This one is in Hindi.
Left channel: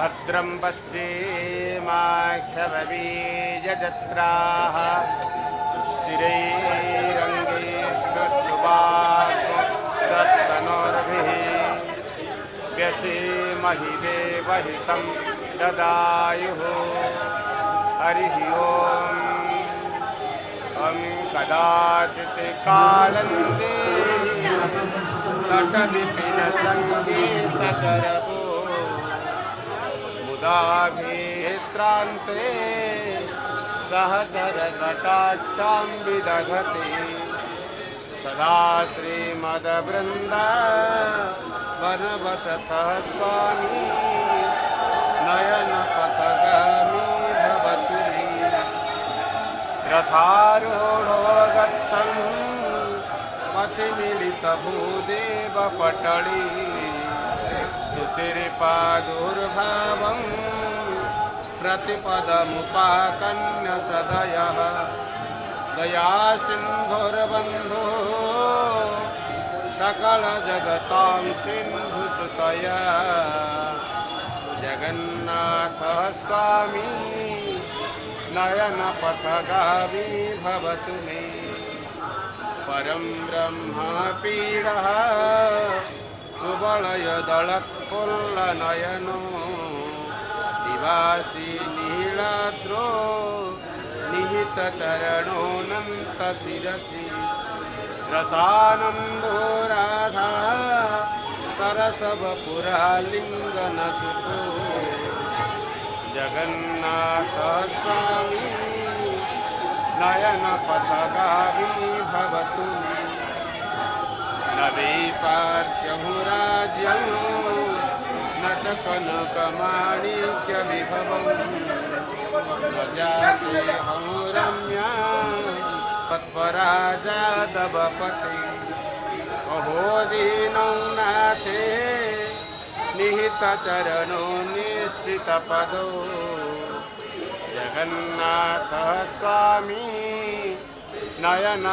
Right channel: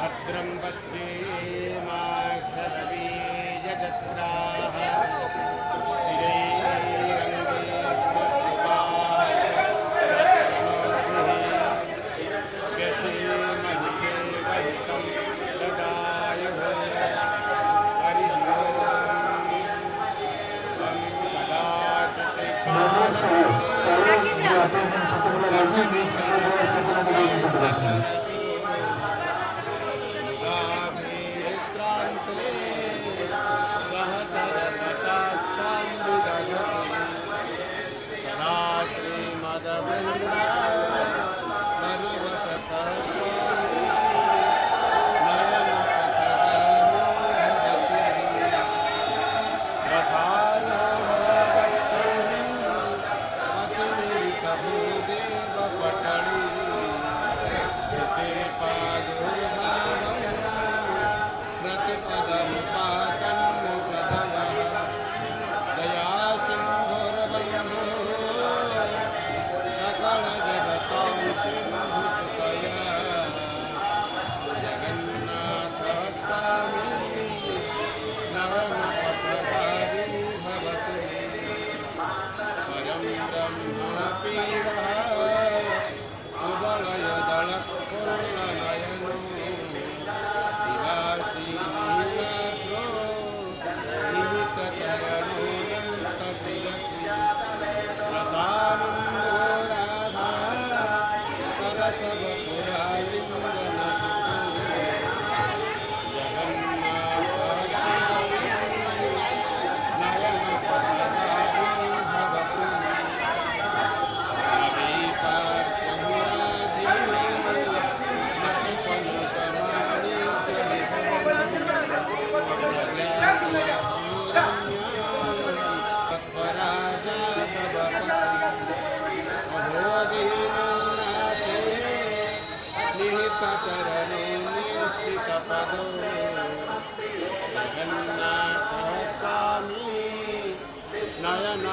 भद्रं पश्येमाक्षरबीजजत्राः स्थिरैरङ्गैस्तुष्टुवाक्शस्तनोभिः व्यसेमहि देवहितं ददायुः हरिः ॐ कदाचित् मुदाभित्रान्ते सहचरकटाक्षां विदधति सदा श्रीमद्वृन्दा वनवसतः स्वामी नयनपथगामी भवति रथारूढो गच्छन् मतिमिलितभूदेवपटली स्थितिरिपादुर्भावं प्रतिपदमुपाकन्य सदयः दयासिन्धुर्बन्धो सकलजगतां सिन्धुसुतया जगन्नाथः स्वामी नयनपथगामी भवतु मे परं ब्रह्मपीडः कुवलयदलत्पुल्लनयनो दिवासी नीलाद्रो निहितचरणोऽनन्तशिरसि रसानन्दो राधा सरसवपुरालिङ्गनसुतो जगन्नाथः स्वामी नयनपथगामी भवतु नदीपार्श्वमुराज्यं नटकनकमाणिक्यविभवं अहोदीनं नाथे निहितचरणो निश्चितपदो जगन्नाथ स्वामी नयन